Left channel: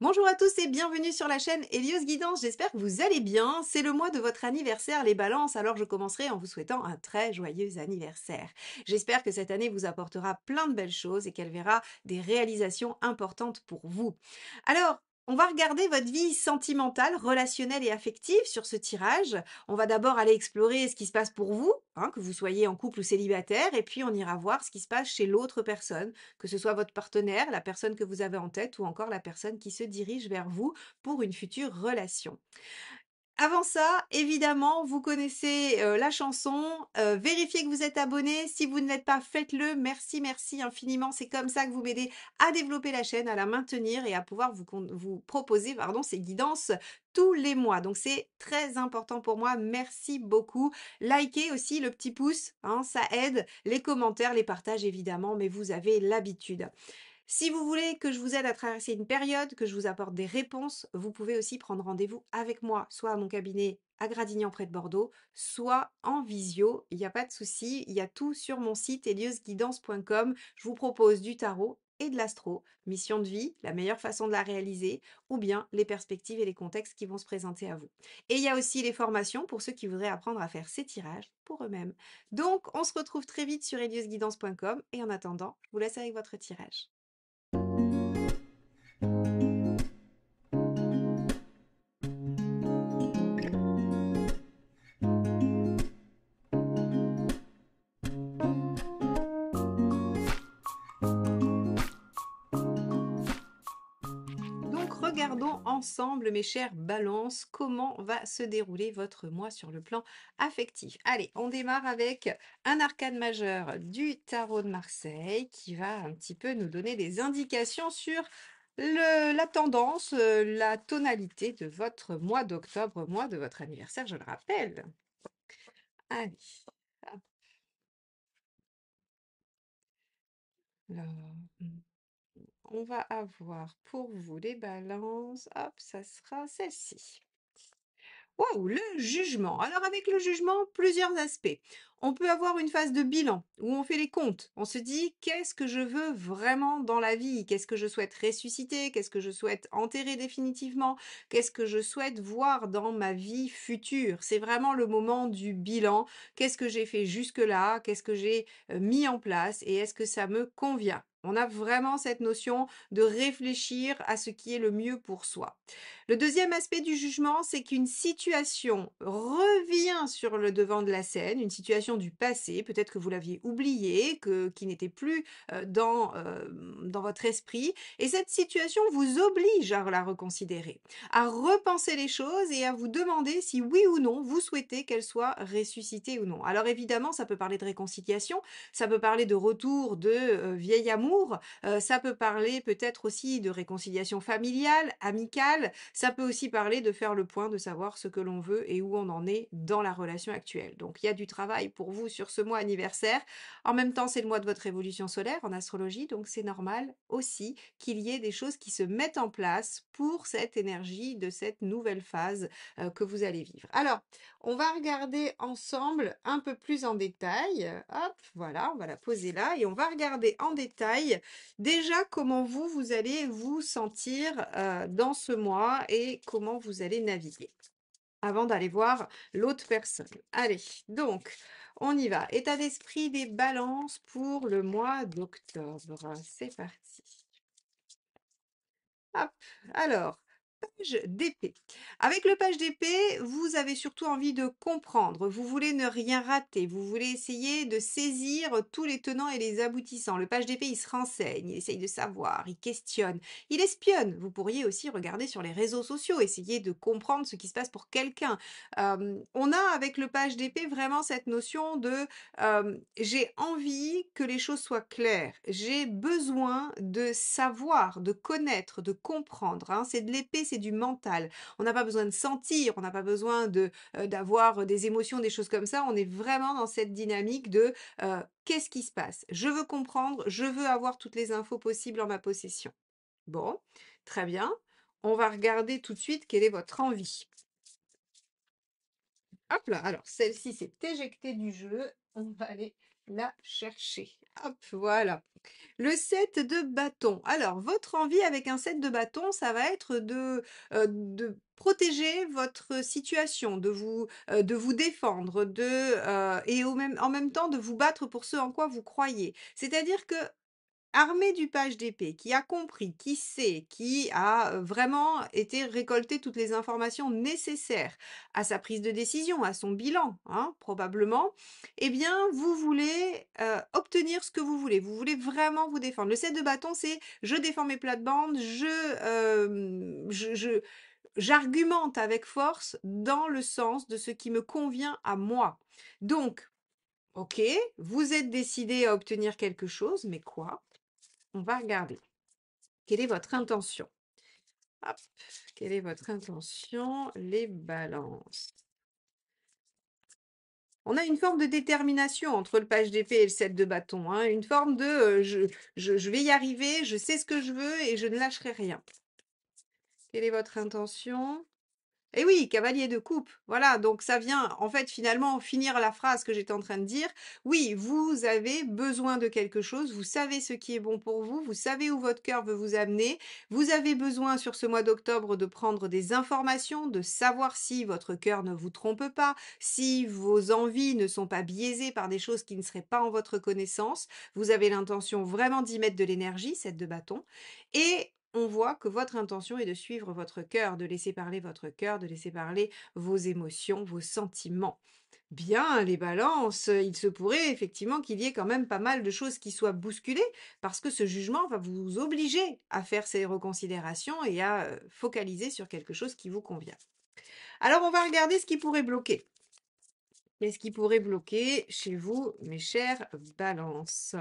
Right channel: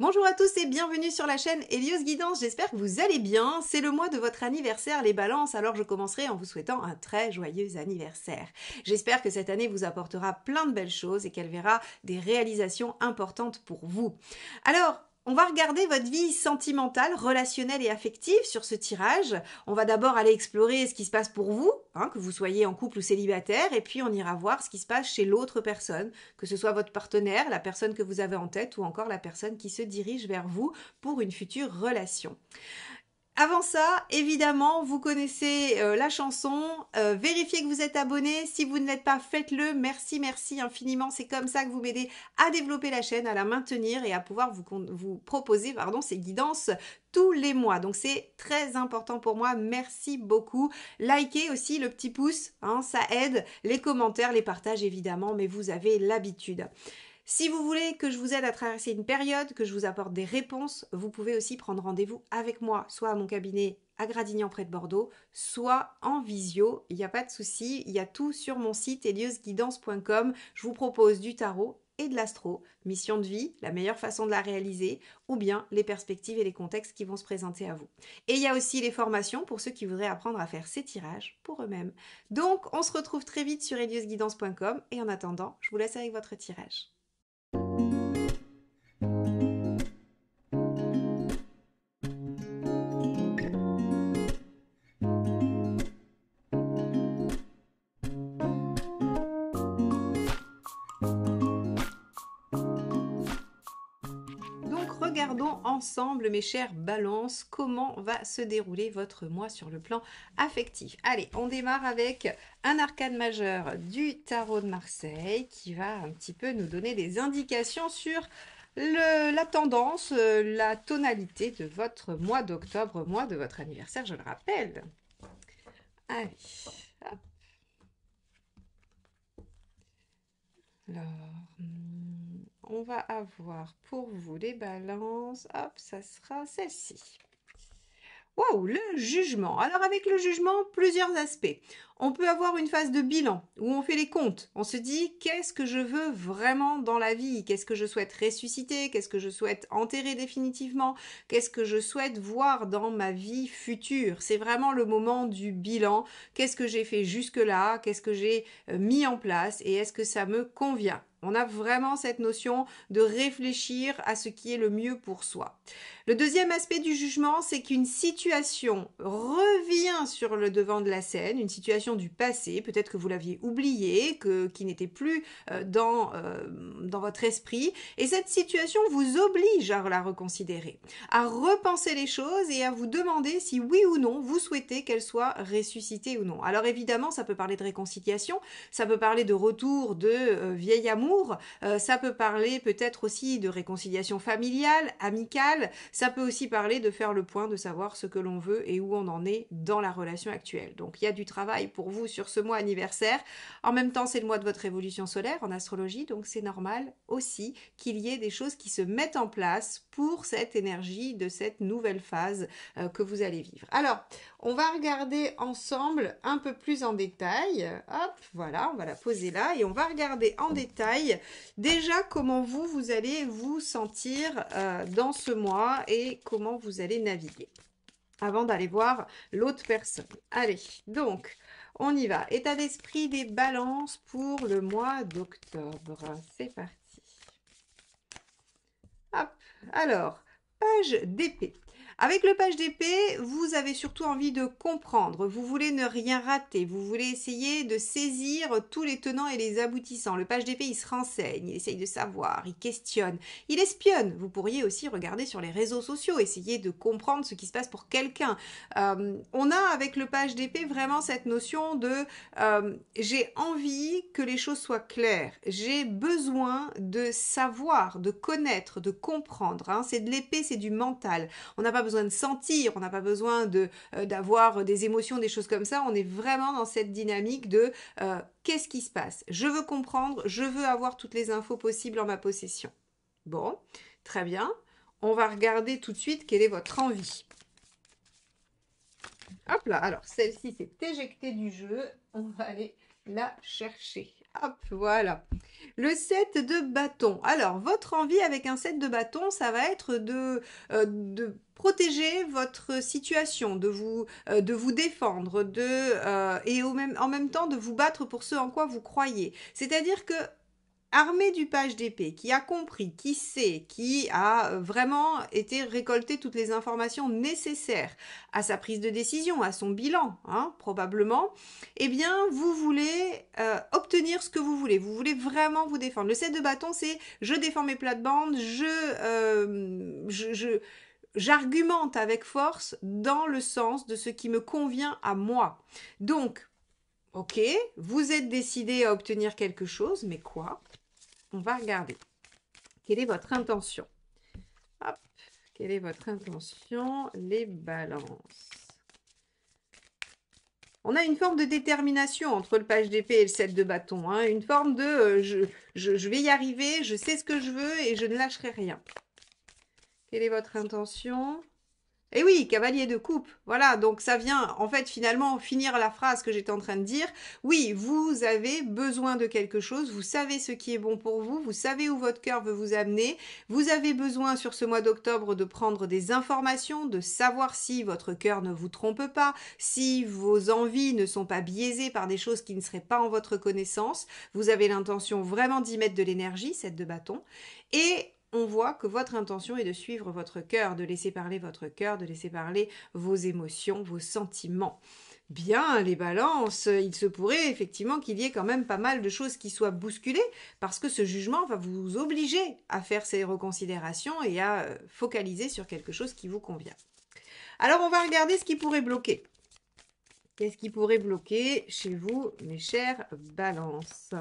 Bonjour à tous et bienvenue sur la chaîne Hélios Guidance, j'espère que vous allez bien. C'est le mois de votre anniversaire les balances, alors je commencerai en vous souhaitant un très joyeux anniversaire. J'espère que cette année vous apportera plein de belles choses et qu'elle verra des réalisations importantes pour vous. Alors, on va regarder votre vie sentimentale, relationnelle et affective sur ce tirage. On va d'abord aller explorer ce qui se passe pour vous, que vous soyez en couple ou célibataire, et puis on ira voir ce qui se passe chez l'autre personne, que ce soit votre partenaire, la personne que vous avez en tête ou encore la personne qui se dirige vers vous pour une future relation. Avant ça, évidemment, vous connaissez la chanson. Vérifiez que vous êtes abonné. Si vous ne l'êtes pas, faites-le. Merci, merci infiniment. C'est comme ça que vous m'aidez à développer la chaîne, à la maintenir et à pouvoir vous proposer ces guidances tous les mois. Donc c'est très important pour moi. Merci beaucoup. Likez aussi le petit pouce, ça aide. Les commentaires, les partages évidemment, mais vous avez l'habitude. Si vous voulez que je vous aide à traverser une période, que je vous apporte des réponses, vous pouvez aussi prendre rendez-vous avec moi, soit à mon cabinet à Gradignan près de Bordeaux, soit en visio. Il n'y a pas de souci, il y a tout sur mon site heliosguidance.com. Je vous propose du tarot et de l'astro, mission de vie, la meilleure façon de la réaliser, ou bien les perspectives et les contextes qui vont se présenter à vous. Et il y a aussi les formations pour ceux qui voudraient apprendre à faire ces tirages pour eux-mêmes. Donc, on se retrouve très vite sur heliosguidance.com et en attendant, je vous laisse avec votre tirage. Donc regardons ensemble mes chères balances comment va se dérouler votre mois sur le plan affectif. Allez, on démarre avec un arcane majeur du tarot de Marseille qui va un petit peu nous donner des indications sur la tendance, la tonalité de votre mois d'octobre, mois de votre anniversaire, je le rappelle. Allez, hop. Alors, on va avoir pour vous les balances, hop, ça sera celle-ci. Waouh, le jugement. Alors avec le jugement, plusieurs aspects. On peut avoir une phase de bilan où on fait les comptes. On se dit qu'est-ce que je veux vraiment dans la vie? Qu'est-ce que je souhaite ressusciter? Qu'est-ce que je souhaite enterrer définitivement? Qu'est-ce que je souhaite voir dans ma vie future? C'est vraiment le moment du bilan. Qu'est-ce que j'ai fait jusque-là? Qu'est-ce que j'ai mis en place? Et est-ce que ça me convient? On a vraiment cette notion de réfléchir à ce qui est le mieux pour soi. Le deuxième aspect du jugement, c'est qu'une situation revient sur le devant de la scène, une situation du passé, peut-être que vous l'aviez oubliée, qui n'était plus dans votre esprit, et cette situation vous oblige à la reconsidérer, à repenser les choses et à vous demander si oui ou non vous souhaitez qu'elle soit ressuscitée ou non. Alors évidemment, ça peut parler de réconciliation, ça peut parler de retour de vieil amour, ça peut parler peut-être aussi de réconciliation familiale, amicale, ça peut aussi parler de faire le point, de savoir ce que l'on veut et où on en est dans la relation actuelle. Donc il y a du travail pour vous sur ce mois anniversaire. En même temps, c'est le mois de votre évolution solaire en astrologie, donc c'est normal aussi qu'il y ait des choses qui se mettent en place pour cette énergie de cette nouvelle phase que vous allez vivre. Alors, on va regarder ensemble un peu plus en détail. Hop, voilà, on va la poser là et on va regarder en détail déjà comment vous allez vous sentir dans ce mois et comment vous allez naviguer avant d'aller voir l'autre personne. Allez, donc, on y va. État d'esprit des balances pour le mois d'octobre. C'est parti. Hop, alors, page d'épée. Avec le page d'épée, vous avez surtout envie de comprendre. Vous voulez ne rien rater. Vous voulez essayer de saisir tous les tenants et les aboutissants. Le page d'épée, il se renseigne, il essaye de savoir, il questionne, il espionne. Vous pourriez aussi regarder sur les réseaux sociaux, essayer de comprendre ce qui se passe pour quelqu'un. On a avec le page d'épée vraiment cette notion de j'ai envie que les choses soient claires. J'ai besoin de savoir, de connaître, de comprendre. C'est de l'épée, c'est du mental. On n'a pas besoin de sentir, on n'a pas besoin d'avoir des émotions, des choses comme ça. On est vraiment dans cette dynamique de qu'est-ce qui se passe? Je veux comprendre, je veux avoir toutes les infos possibles en ma possession. Bon, très bien. On va regarder tout de suite quelle est votre envie. Hop là, alors celle-ci s'est éjectée du jeu. On va aller la chercher. Hop, voilà. Le 7 de bâton. Alors, votre envie avec un 7 de bâton, ça va être de protéger votre situation, de vous défendre, et en même temps de vous battre pour ce en quoi vous croyez. C'est-à-dire que armé du page d'épée, qui a compris, qui sait, qui a vraiment été récolter toutes les informations nécessaires à sa prise de décision, à son bilan, hein, probablement, eh bien, vous voulez obtenir ce que vous voulez. Vous voulez vraiment vous défendre. Le 7 de bâton, c'est je défends mes plates-bandes, j'argumente avec force dans le sens de ce qui me convient à moi. Donc, ok, vous êtes décidé à obtenir quelque chose, mais quoi? On va regarder. Quelle est votre intention? Hop, quelle est votre intention? Les balances. On a une forme de détermination entre le page d'épée et le 7 de bâton. Hein, une forme de je vais y arriver, je sais ce que je veux et je ne lâcherai rien. Quelle est votre intention? Eh oui, cavalier de coupe. Voilà, donc ça vient en fait finalement finir la phrase que j'étais en train de dire. Oui, vous avez besoin de quelque chose, vous savez ce qui est bon pour vous, vous savez où votre cœur veut vous amener. Vous avez besoin sur ce mois d'octobre de prendre des informations, de savoir si votre cœur ne vous trompe pas, si vos envies ne sont pas biaisées par des choses qui ne seraient pas en votre connaissance. Vous avez l'intention vraiment d'y mettre de l'énergie, cette de bâton. Et on voit que votre intention est de suivre votre cœur, de laisser parler votre cœur, de laisser parler vos émotions, vos sentiments. Bien, les balances, il se pourrait effectivement qu'il y ait quand même pas mal de choses qui soient bousculées parce que ce jugement va vous obliger à faire ces reconsidérations et à focaliser sur quelque chose qui vous convient. Alors, on va regarder ce qui pourrait bloquer. Qu'est-ce qui pourrait bloquer chez vous, mes chères balances ?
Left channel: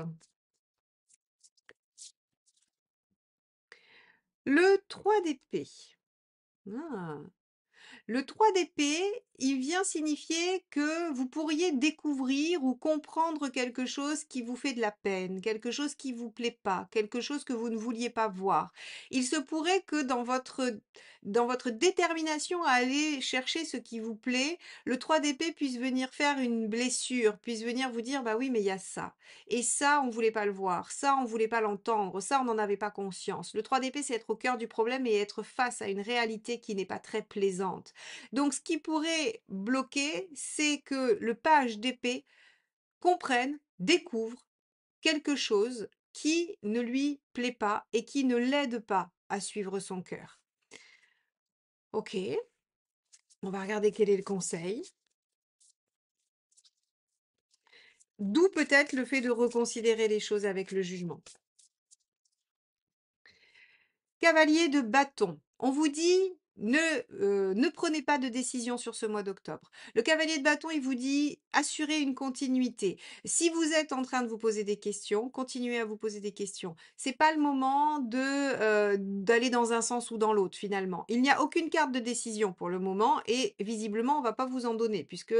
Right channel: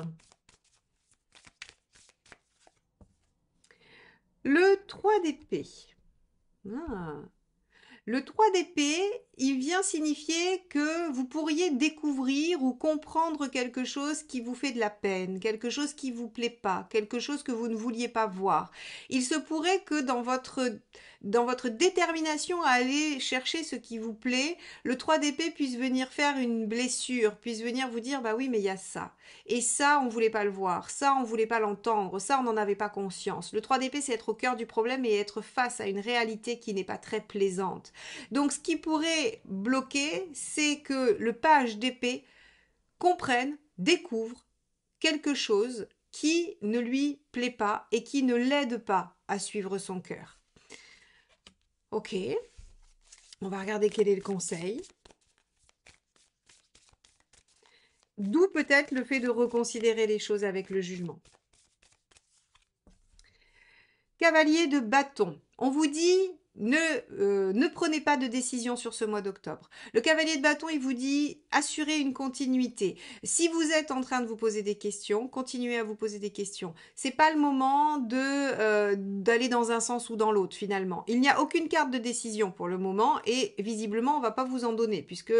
Le 3 d'épée. Ah. Le 3 d'épée, il vient signifier que vous pourriez découvrir ou comprendre quelque chose qui vous fait de la peine, quelque chose qui ne vous plaît pas, quelque chose que vous ne vouliez pas voir. Il se pourrait que dans votre détermination à aller chercher ce qui vous plaît, le 3 d'épée puisse venir faire une blessure, puisse venir vous dire, bah oui, mais il y a ça. Et ça, on ne voulait pas le voir, ça, on ne voulait pas l'entendre, ça, on n'en avait pas conscience. Le 3 d'épée, c'est être au cœur du problème et être face à une réalité qui n'est pas très plaisante. Donc, ce qui pourrait bloquer, c'est que le page d'épée comprenne, découvre quelque chose qui ne lui plaît pas et qui ne l'aide pas à suivre son cœur. Ok, on va regarder quel est le conseil. D'où peut-être le fait de reconsidérer les choses avec le jugement. Cavalier de bâton. On vous dit ne prenez pas de décision sur ce mois d'octobre. Le cavalier de bâton, il vous dit assurez une continuité. Si vous êtes en train de vous poser des questions, continuez à vous poser des questions. C'est pas le moment d'aller dans un sens ou dans l'autre finalement. Il n'y a aucune carte de décision pour le moment et visiblement on va pas vous en donner puisque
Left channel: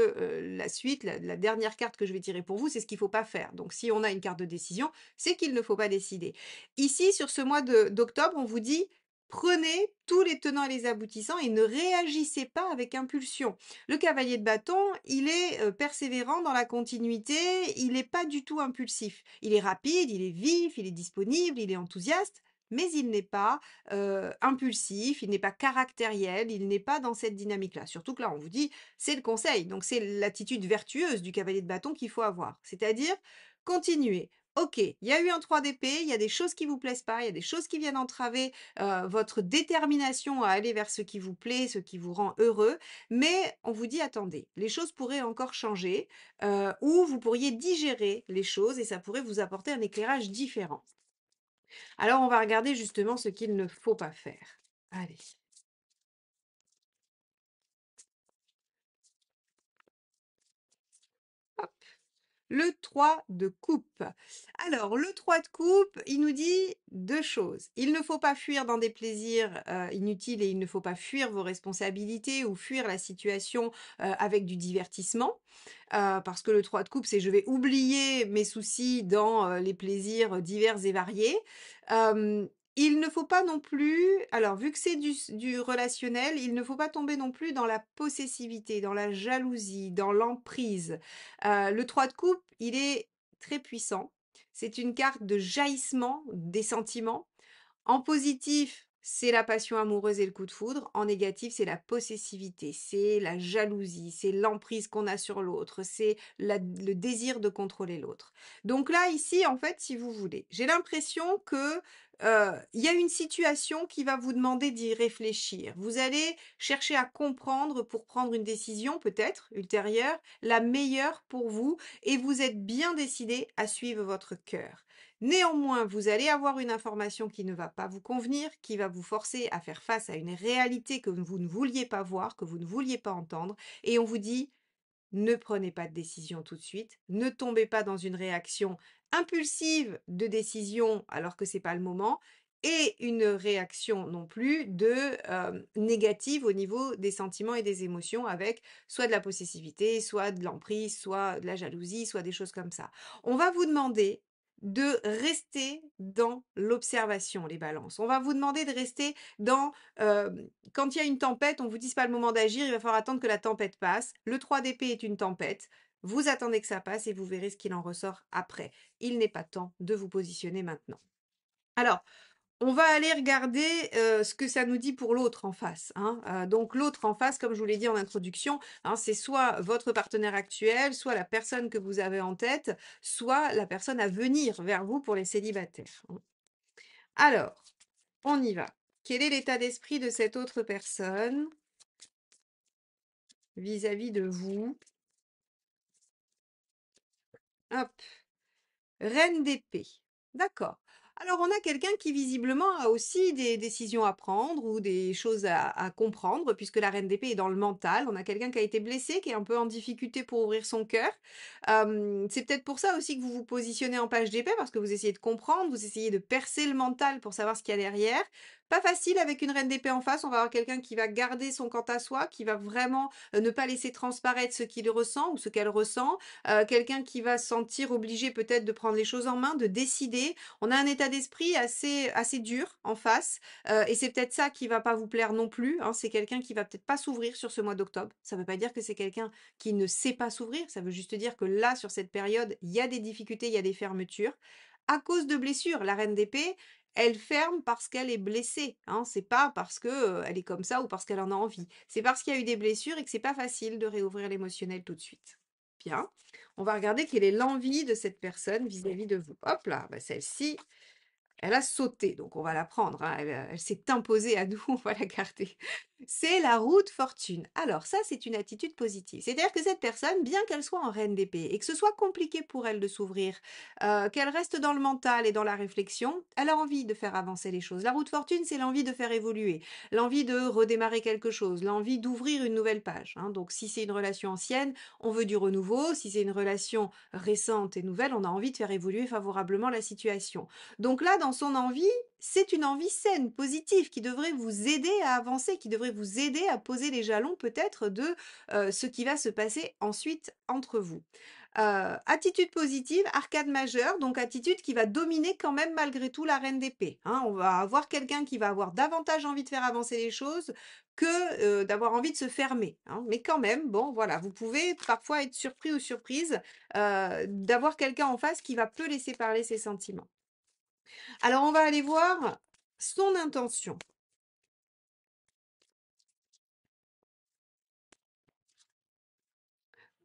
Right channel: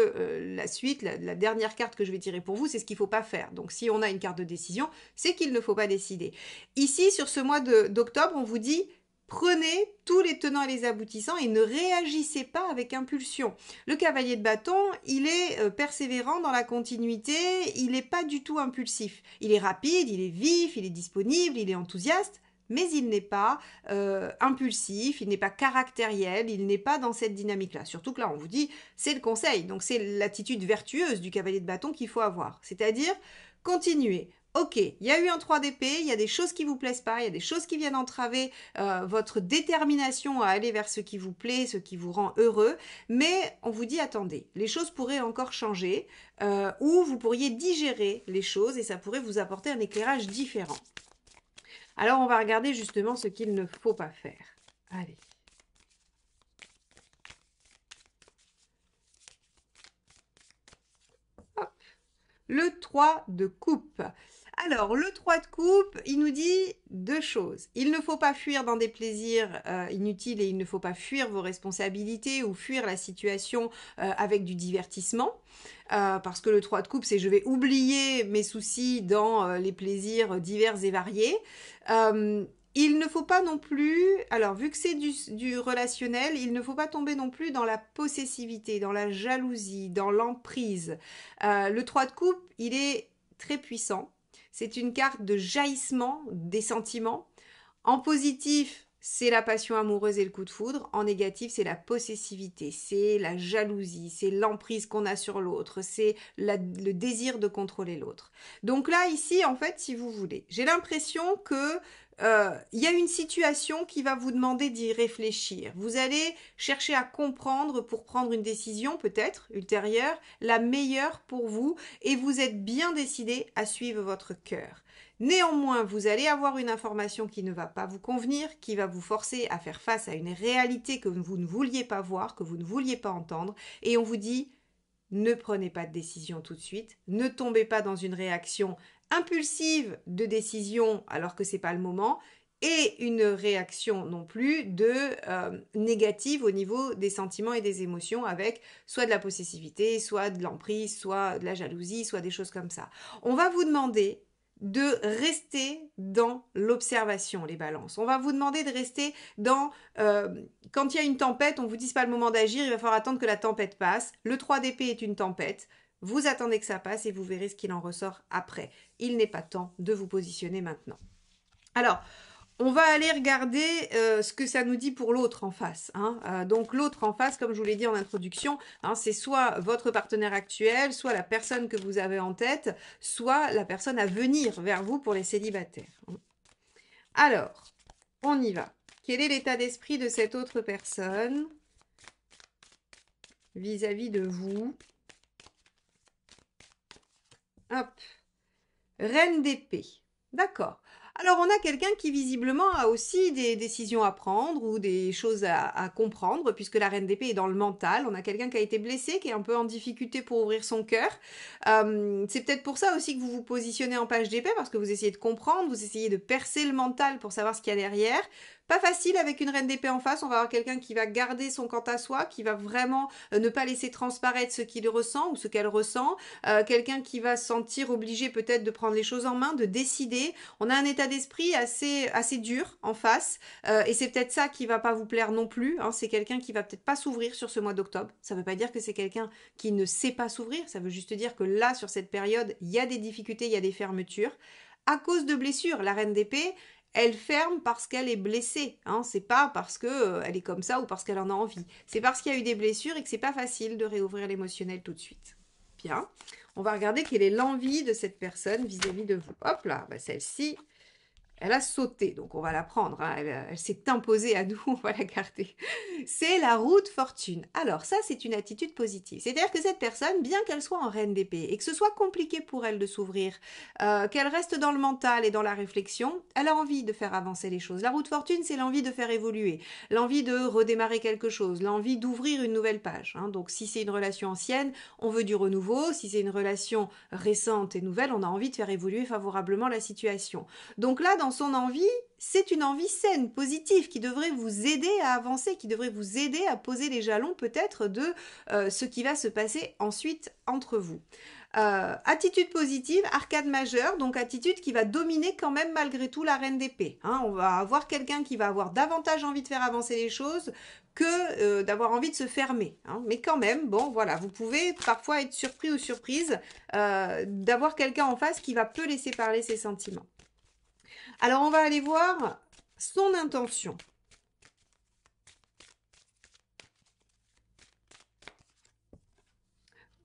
la suite, la dernière carte que je vais tirer pour vous, c'est ce qu'il faut pas faire. Donc si on a une carte de décision, c'est qu'il ne faut pas décider. Ici, sur ce mois d'octobre, on vous dit prenez tous les tenants et les aboutissants et ne réagissez pas avec impulsion. Le cavalier de bâton, il est persévérant dans la continuité, il n'est pas du tout impulsif. Il est rapide, il est vif, il est disponible, il est enthousiaste, mais il n'est pas impulsif, il n'est pas caractériel, il n'est pas dans cette dynamique-là. Surtout que là, on vous dit, c'est le conseil, donc c'est l'attitude vertueuse du cavalier de bâton qu'il faut avoir. C'est-à-dire, continuez. Ok, il y a eu un 3 d'épée, il y a des choses qui vous plaisent pas, il y a des choses qui viennent entraver votre détermination à aller vers ce qui vous plaît, ce qui vous rend heureux, mais on vous dit attendez, les choses pourraient encore changer, ou vous pourriez digérer les choses et ça pourrait vous apporter un éclairage différent. Alors on va regarder justement ce qu'il ne faut pas faire. Allez. Hop. Le 3 de coupe. Alors, le 3 de coupe, il nous dit deux choses. Il ne faut pas fuir dans des plaisirs inutiles et il ne faut pas fuir vos responsabilités ou fuir la situation avec du divertissement. Parce que le 3 de coupe, c'est je vais oublier mes soucis dans les plaisirs divers et variés. Il ne faut pas non plus, alors vu que c'est du relationnel, il ne faut pas tomber non plus dans la possessivité, dans la jalousie, dans l'emprise. Le 3 de coupe, il est très puissant. c'est une carte de jaillissement des sentiments. En positif, c'est la passion amoureuse et le coup de foudre. En négatif, c'est la possessivité, c'est la jalousie, c'est l'emprise qu'on a sur l'autre, c'est le désir de contrôler l'autre. Donc là, ici, en fait, si vous voulez, j'ai l'impression que il y a une situation qui va vous demander d'y réfléchir. Vous allez chercher à comprendre pour prendre une décision peut-être ultérieure, la meilleure pour vous, et vous êtes bien décidé à suivre votre cœur. Néanmoins, vous allez avoir une information qui ne va pas vous convenir, qui va vous forcer à faire face à une réalité que vous ne vouliez pas voir, que vous ne vouliez pas entendre, et on vous dit ne prenez pas de décision tout de suite, ne tombez pas dans une réaction impulsive de décision alors que c'est pas le moment, et une réaction non plus de négative au niveau des sentiments et des émotions avec soit de la possessivité, soit de l'emprise, soit de la jalousie, soit des choses comme ça. On va vous demander de rester dans l'observation, les balances. On va vous demander de rester dans... quand il y a une tempête, on ne vous dit pas le moment d'agir, il va falloir attendre que la tempête passe. Le 3 d'épée est une tempête. Vous attendez que ça passe et vous verrez ce qu'il en ressort après. Il n'est pas temps de vous positionner maintenant. Alors, on va aller regarder ce que ça nous dit pour l'autre en face. Donc l'autre en face, comme je vous l'ai dit en introduction, c'est soit votre partenaire actuel, soit la personne que vous avez en tête, soit la personne à venir vers vous pour les célibataires. Alors, on y va. Quel est l'état d'esprit de cette autre personne vis-à-vis de vous? Hop. Reine d'épée. D'accord. Alors, on a quelqu'un qui visiblement a aussi des décisions à prendre ou des choses à comprendre, puisque la reine d'épée est dans le mental. On a quelqu'un qui a été blessé, qui est un peu en difficulté pour ouvrir son cœur. C'est peut-être pour ça aussi que vous vous positionnez en page d'épée, parce que vous essayez de comprendre, vous essayez de percer le mental pour savoir ce qu'il y a derrière. Pas facile avec une reine d'épée en face, on va avoir quelqu'un qui va garder son quant à soi, qui va vraiment ne pas laisser transparaître ce qu'il ressent ou ce qu'elle ressent, quelqu'un qui va se sentir obligé peut-être de prendre les choses en main, de décider. On a un état d'esprit assez dur en face, et c'est peut-être ça qui va pas vous plaire non plus, c'est quelqu'un qui va peut-être pas s'ouvrir sur ce mois d'octobre. Ça veut pas dire que c'est quelqu'un qui ne sait pas s'ouvrir, ça veut juste dire que là, sur cette période, il y a des difficultés, il y a des fermetures, à cause de blessures. La reine d'épée, elle ferme parce qu'elle est blessée. C'est pas parce que elle est comme ça ou parce qu'elle en a envie. C'est parce qu'il y a eu des blessures et que c'est pas facile de réouvrir l'émotionnel tout de suite. Bien. On va regarder quelle est l'envie de cette personne vis-à-vis de vous. Hop là, celle-ci, elle a sauté, donc on va la prendre. Elle s'est imposée à nous, on va la garder. C'est la roue de fortune. Alors ça, c'est une attitude positive. C'est-à-dire que cette personne, bien qu'elle soit en reine d'épée et que ce soit compliqué pour elle de s'ouvrir, qu'elle reste dans le mental et dans la réflexion, elle a envie de faire avancer les choses. La roue de fortune, c'est l'envie de faire évoluer, l'envie de redémarrer quelque chose, l'envie d'ouvrir une nouvelle page. Donc si c'est une relation ancienne, on veut du renouveau. Si c'est une relation récente et nouvelle, on a envie de faire évoluer favorablement la situation. Donc là, dans son envie, c'est une envie saine, positive, qui devrait vous aider à avancer, qui devrait vous aider à poser les jalons peut-être de ce qui va se passer ensuite entre vous. Attitude positive, arcade majeure, donc attitude qui va dominer quand même malgré tout la reine d'épée. On va avoir quelqu'un qui va avoir davantage envie de faire avancer les choses que d'avoir envie de se fermer. Mais quand même, bon voilà, vous pouvez parfois être surpris ou surprise d'avoir quelqu'un en face qui va peu laisser parler ses sentiments. Alors, on va aller voir son intention.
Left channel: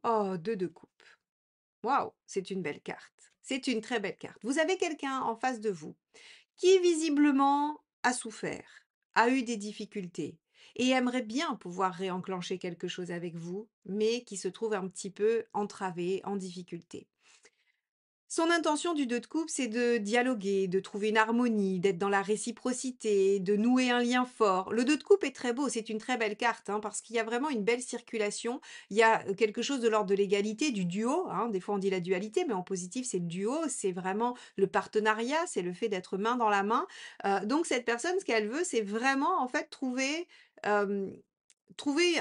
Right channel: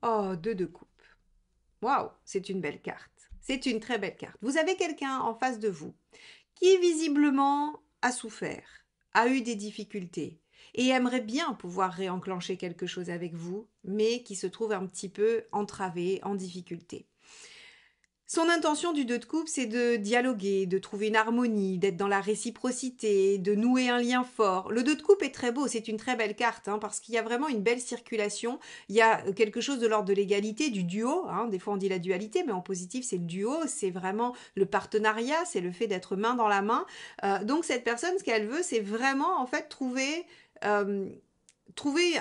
Oh, 2 de coupe. Waouh, c'est une belle carte. C'est une très belle carte. Vous avez quelqu'un en face de vous qui visiblement a souffert, a eu des difficultés et aimerait bien pouvoir réenclencher quelque chose avec vous, mais qui se trouve un petit peu entravé, en difficulté. Son intention du 2 de coupe, c'est de dialoguer, de trouver une harmonie, d'être dans la réciprocité, de nouer un lien fort. Le 2 de coupe est très beau, c'est une très belle carte, parce qu'il y a vraiment une belle circulation. Il y a quelque chose de l'ordre de l'égalité, du duo. Des fois on dit la dualité, mais en positif c'est le duo, c'est vraiment le partenariat, c'est le fait d'être main dans la main. Donc cette personne, ce qu'elle veut, c'est vraiment en fait trouver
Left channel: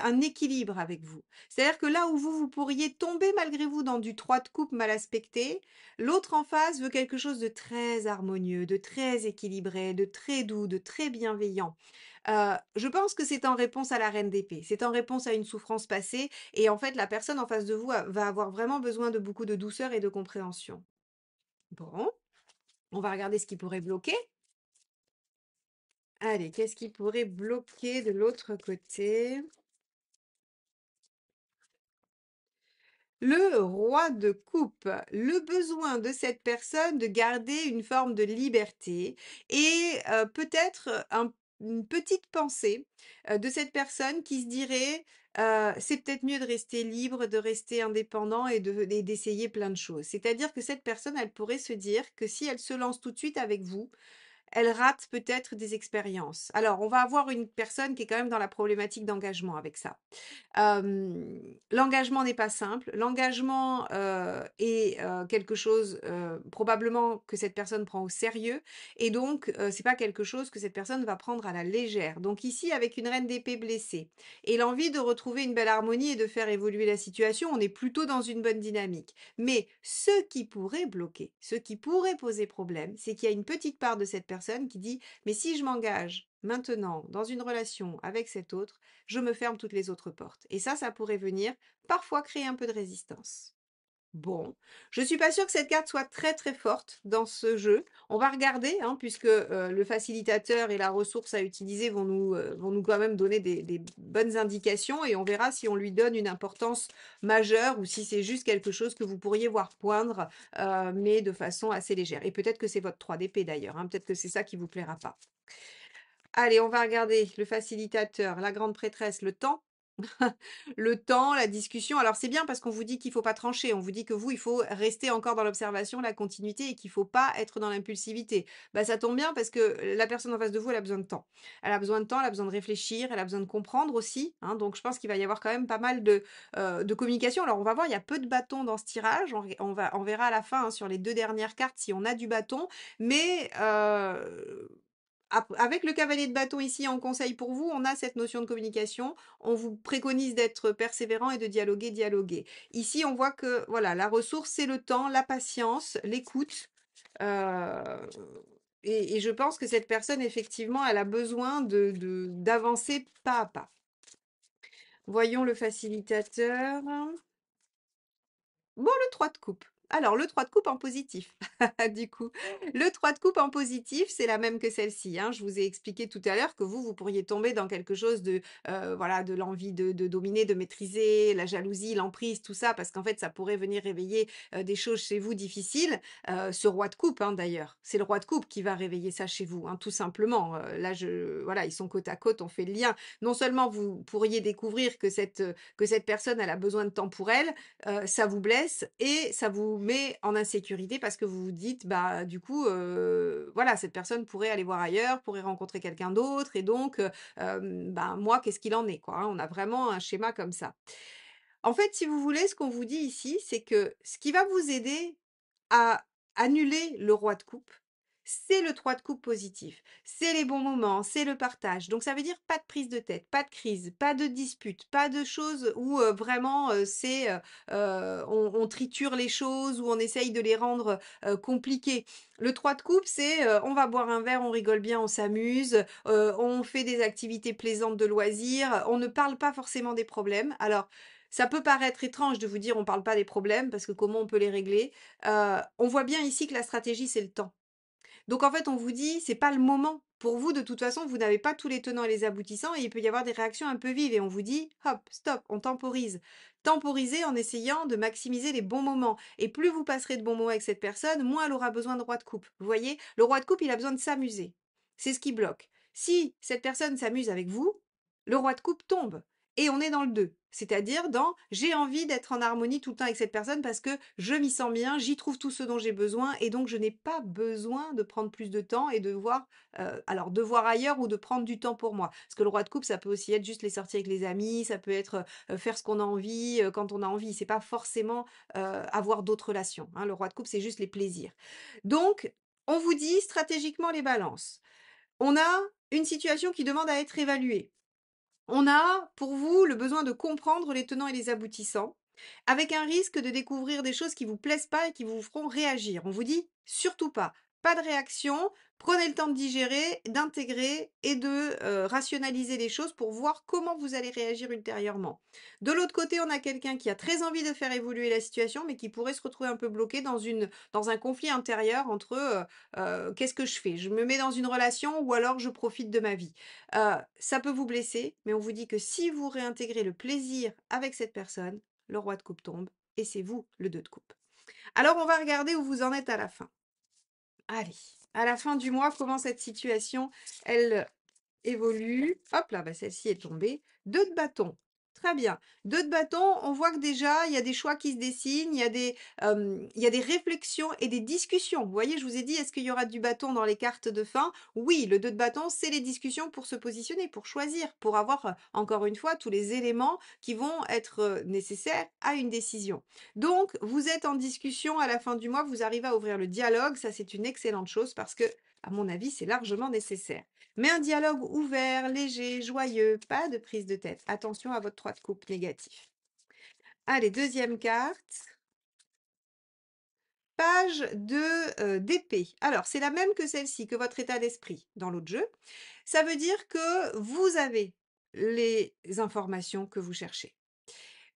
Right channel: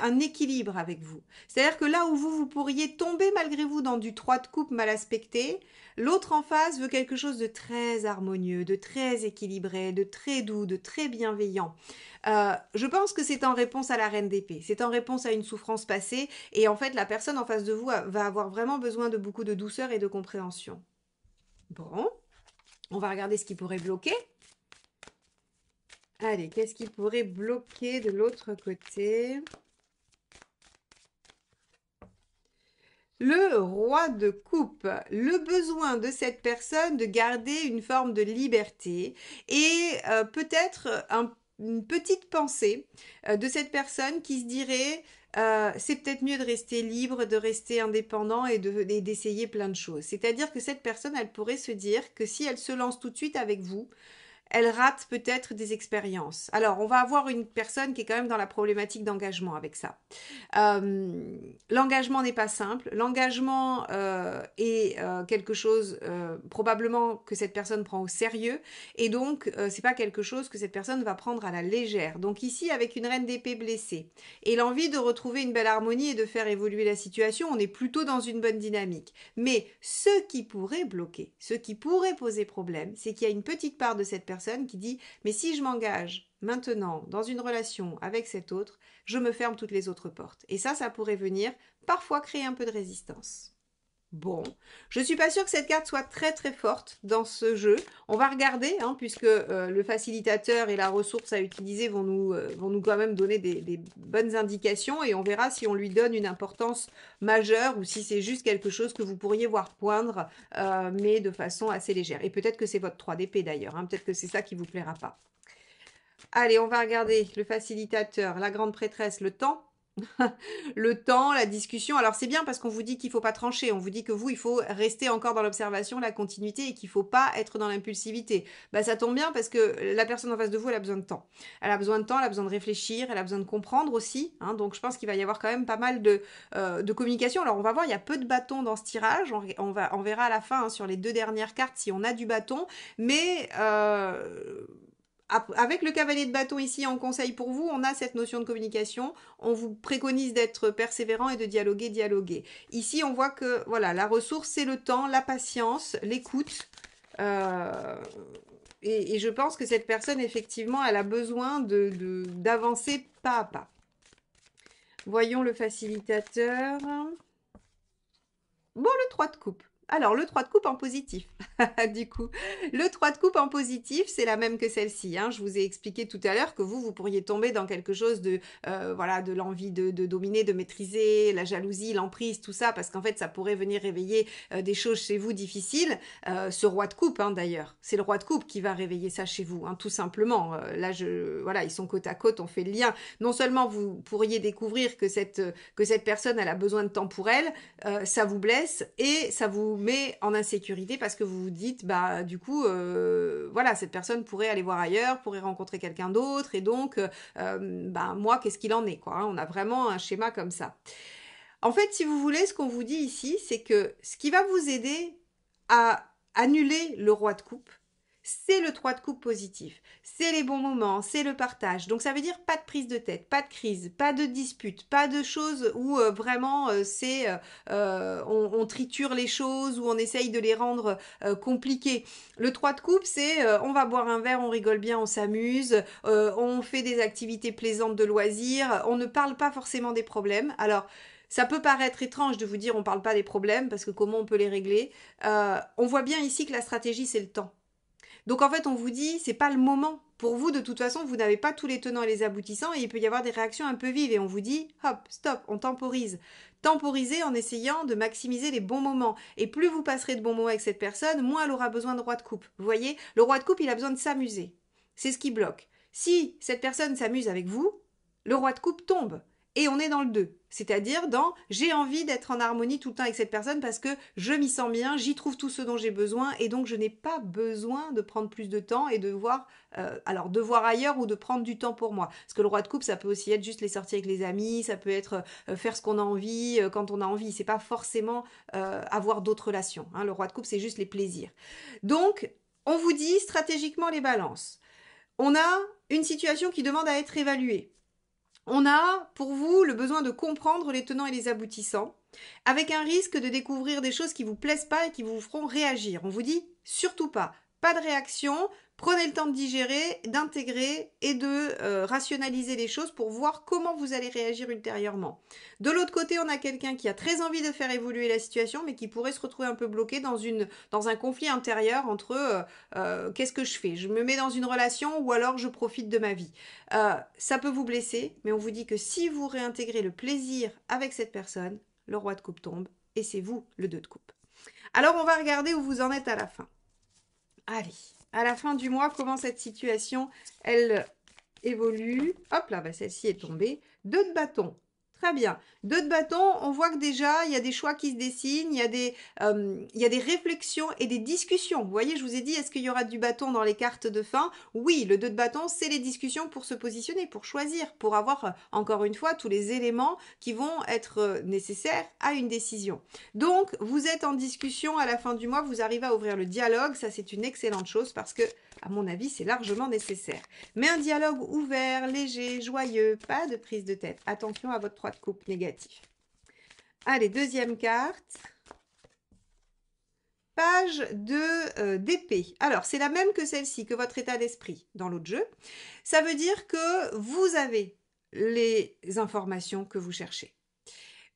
un équilibre avec vous. C'est-à-dire que là où vous pourriez tomber malgré vous dans du 3 de coupe mal aspecté, l'autre en face veut quelque chose de très harmonieux, de très équilibré, de très doux, de très bienveillant. Je pense que c'est en réponse à la reine d'épée, c'est en réponse à une souffrance passée, et en fait la personne en face de vous va avoir vraiment besoin de beaucoup de douceur et de compréhension. Bon, On va regarder ce qui pourrait bloquer. Allez, qu'est-ce qui pourrait bloquer de l'autre côté? Le roi de coupe, le besoin de cette personne de garder une forme de liberté et peut-être une petite pensée de cette personne qui se dirait c'est peut-être mieux de rester libre, de rester indépendant et d'essayer plein de choses. C'est-à-dire que cette personne, elle pourrait se dire que si elle se lance tout de suite avec vous, elle rate peut-être des expériences. Alors, on va avoir une personne qui est quand même dans la problématique d'engagement avec ça. L'engagement n'est pas simple. L'engagement est quelque chose probablement que cette personne prend au sérieux et donc c'est pas quelque chose que cette personne va prendre à la légère. Donc ici avec une reine d'épée blessée et l'envie de retrouver une belle harmonie et de faire évoluer la situation, on est plutôt dans une bonne dynamique. Mais ce qui pourrait bloquer, ce qui pourrait poser problème, c'est qu'il y a une petite part de cette personne qui dit mais si je m'engage maintenant dans une relation avec cet autre, je me ferme toutes les autres portes. Et ça pourrait venir parfois créer un peu de résistance. Bon, je suis pas sûre que cette carte soit très très forte dans ce jeu. On va regarder, hein, puisque le facilitateur et la ressource à utiliser vont nous quand même donner des bonnes indications et on verra si on lui donne une importance majeure ou si c'est juste quelque chose que vous pourriez voir poindre, mais de façon assez légère. Et peut-être que c'est votre 3 d'épée d'ailleurs, hein, peut-être que c'est ça qui vous plaira pas. Allez, on va regarder le facilitateur, la grande prêtresse, le temps. Le temps, la discussion. Alors c'est bien parce qu'on vous dit qu'il ne faut pas trancher. On vous dit que vous, il faut rester encore dans l'observation, la continuité et qu'il ne faut pas être dans l'impulsivité. Bah, ça tombe bien parce que la personne en face de vous, elle a besoin de temps. Elle a besoin de temps, elle a besoin de réfléchir, elle a besoin de comprendre aussi. Hein. Donc je pense qu'il va y avoir quand même pas mal de communication. Alors on va voir, il y a peu de bâtons dans ce tirage. On verra à la fin hein, sur les 2 dernières cartes si on a du bâton. Mais avec le cavalier de bâton ici en conseil pour vous, on a cette notion de communication. On vous préconise d'être persévérant et de dialoguer. Ici, on voit que voilà, la ressource, c'est le temps, la patience, l'écoute. Et je pense que cette personne, effectivement, elle a besoin d'avancer pas à pas. Voyons le facilitateur. Bon, le 3 de coupe. Alors, le 3 de coupe en positif, du coup. Le 3 de coupe en positif, c'est la même que celle-ci. Hein. Je vous ai expliqué tout à l'heure que vous pourriez tomber dans quelque chose de, voilà, de l'envie de dominer, de maîtriser, la jalousie, l'emprise, tout ça, parce qu'en fait, ça pourrait venir réveiller des choses chez vous difficiles. Ce roi de coupe, hein, d'ailleurs, c'est le roi de coupe qui va réveiller ça chez vous, hein, tout simplement. Là, voilà, ils sont côte à côte, on fait le lien. Non seulement vous pourriez découvrir que cette personne, elle a besoin de temps pour elle, ça vous blesse et ça vous met en insécurité parce que vous vous dites bah du coup voilà cette personne pourrait aller voir ailleurs, pourrait rencontrer quelqu'un d'autre et donc bah moi qu'est-ce qu'il en est quoi hein. On a vraiment un schéma comme ça. En fait si vous voulez ce qu'on vous dit ici c'est que ce qui va vous aider à annuler le roi de coupe c'est le 3 de coupe positif, c'est les bons moments, c'est le partage. Donc ça veut dire pas de prise de tête, pas de crise, pas de dispute, pas de choses où vraiment on triture les choses, où on essaye de les rendre compliquées. Le 3 de coupe, c'est on va boire un verre, on rigole bien, on s'amuse, on fait des activités plaisantes de loisirs, on ne parle pas forcément des problèmes. Alors, ça peut paraître étrange de vous dire on ne parle pas des problèmes parce que comment on peut les régler. On voit bien ici que la stratégie c'est le temps. Donc en fait, on vous dit, c'est pas le moment. Pour vous, de toute façon, vous n'avez pas tous les tenants et les aboutissants et il peut y avoir des réactions un peu vives. Et on vous dit, hop, stop, on temporise. Temporiser en essayant de maximiser les bons moments. Et plus vous passerez de bons moments avec cette personne, moins elle aura besoin de roi de coupe. Vous voyez, le roi de coupe, il a besoin de s'amuser. C'est ce qui bloque. Si cette personne s'amuse avec vous, le roi de coupe tombe. Et on est dans le 2. C'est-à-dire dans j'ai envie d'être en harmonie tout le temps avec cette personne parce que je m'y sens bien, j'y trouve tout ce dont j'ai besoin et donc je n'ai pas besoin de prendre plus de temps et de voir ailleurs ou de prendre du temps pour moi. Parce que le roi de coupe, ça peut aussi être juste les sorties avec les amis, ça peut être faire ce qu'on a envie quand on a envie. C'est pas forcément avoir d'autres relations. Hein. Le roi de coupe, c'est juste les plaisirs. Donc, on vous dit stratégiquement les balances. On a une situation qui demande à être évaluée. On a, pour vous, le besoin de comprendre les tenants et les aboutissants, avec un risque de découvrir des choses qui vous plaisent pas et qui vous feront réagir. On vous dit surtout pas. Pas de réaction, Prenez le temps de digérer, d'intégrer et de rationaliser les choses pour voir comment vous allez réagir ultérieurement. De l'autre côté, on a quelqu'un qui a très envie de faire évoluer la situation, mais qui pourrait se retrouver un peu bloqué dans un conflit intérieur entre qu'est-ce que je fais? Je me mets dans une relation ou alors je profite de ma vie. Ça peut vous blesser, mais on vous dit que si vous réintégrez le plaisir avec cette personne, le roi de coupe tombe et c'est vous le 2 de coupe. Alors on va regarder où vous en êtes à la fin. Allez, à la fin du mois, comment cette situation, elle évolue. Hop là, bah celle-ci est tombée. 2 de bâton. Très bien. 2 de bâton, on voit que déjà, il y a des choix qui se dessinent, il y a des réflexions et des discussions. Vous voyez, je vous ai dit, est-ce qu'il y aura du bâton dans les cartes de fin? Oui, le 2 de bâton, c'est les discussions pour se positionner, pour choisir, pour avoir, encore une fois, tous les éléments qui vont être nécessaires à une décision. Donc, vous êtes en discussion à la fin du mois, vous arrivez à ouvrir le dialogue, ça c'est une excellente chose parce que, à mon avis, c'est largement nécessaire. Mais un dialogue ouvert, léger, joyeux, pas de prise de tête. Attention à votre 3 de coupe négatif. Allez, deuxième carte. Page d'épée. Alors, c'est la même que celle-ci, que votre état d'esprit dans l'autre jeu. Ça veut dire que vous avez les informations que vous cherchez.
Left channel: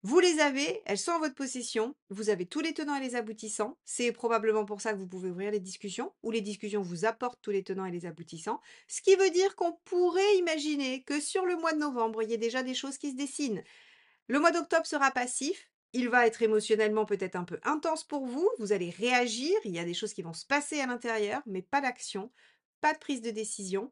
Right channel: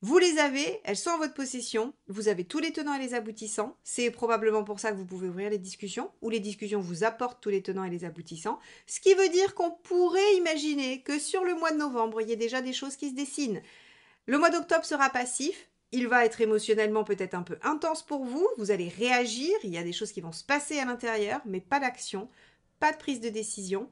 Vous les avez, elles sont en votre possession, vous avez tous les tenants et les aboutissants, c'est probablement pour ça que vous pouvez ouvrir les discussions, ou les discussions vous apportent tous les tenants et les aboutissants, ce qui veut dire qu'on pourrait imaginer que sur le mois de novembre, il y a déjà des choses qui se dessinent. Le mois d'octobre sera passif, il va être émotionnellement peut-être un peu intense pour vous, vous allez réagir, il y a des choses qui vont se passer à l'intérieur, mais pas d'action, pas de prise de décision.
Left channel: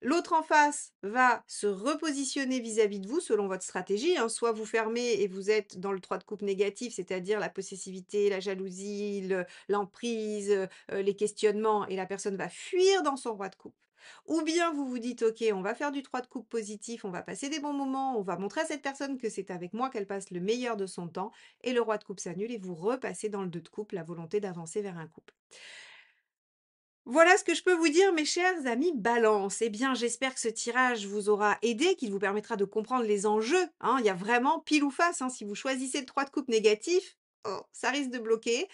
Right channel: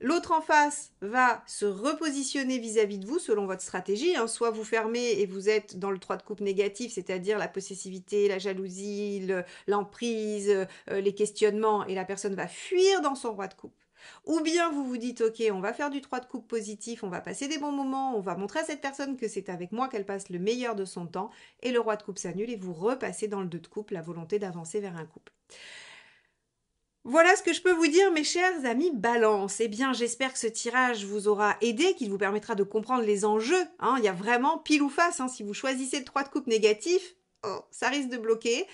L'autre en face va se repositionner vis-à-vis de vous selon votre stratégie. Hein. Soit vous fermez et vous êtes dans le 3 de coupe négatif, c'est-à-dire la possessivité, la jalousie, l'emprise, les questionnements, et la personne va fuir dans son roi de coupe. Ou bien vous vous dites, ok, on va faire du 3 de coupe positif, on va passer des bons moments, on va montrer à cette personne que c'est avec moi qu'elle passe le meilleur de son temps, et le roi de coupe s'annule et vous repassez dans le 2 de coupe, la volonté d'avancer vers un couple. Voilà ce que je peux vous dire, mes chers amis Balance. Eh bien, j'espère que ce tirage vous aura aidé, qu'il vous permettra de comprendre les enjeux. Hein. Il y a vraiment pile ou face. Hein. Si vous choisissez le 3 de coupe négatif, ça risque de bloquer.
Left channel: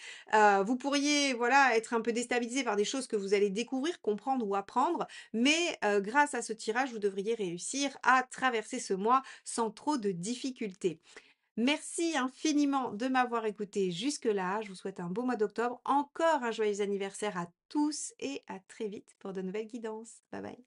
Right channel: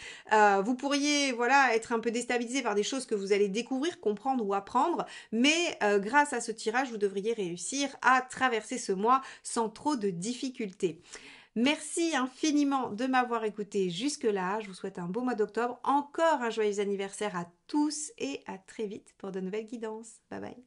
Vous pourriez être un peu déstabilisé par des choses que vous allez découvrir, comprendre ou apprendre. Mais grâce à ce tirage, vous devriez réussir à traverser ce mois sans trop de difficultés. Merci infiniment de m'avoir écouté jusque-là. Je vous souhaite un beau mois d'octobre. Encore un joyeux anniversaire à tous et à très vite pour de nouvelles guidances. Bye bye.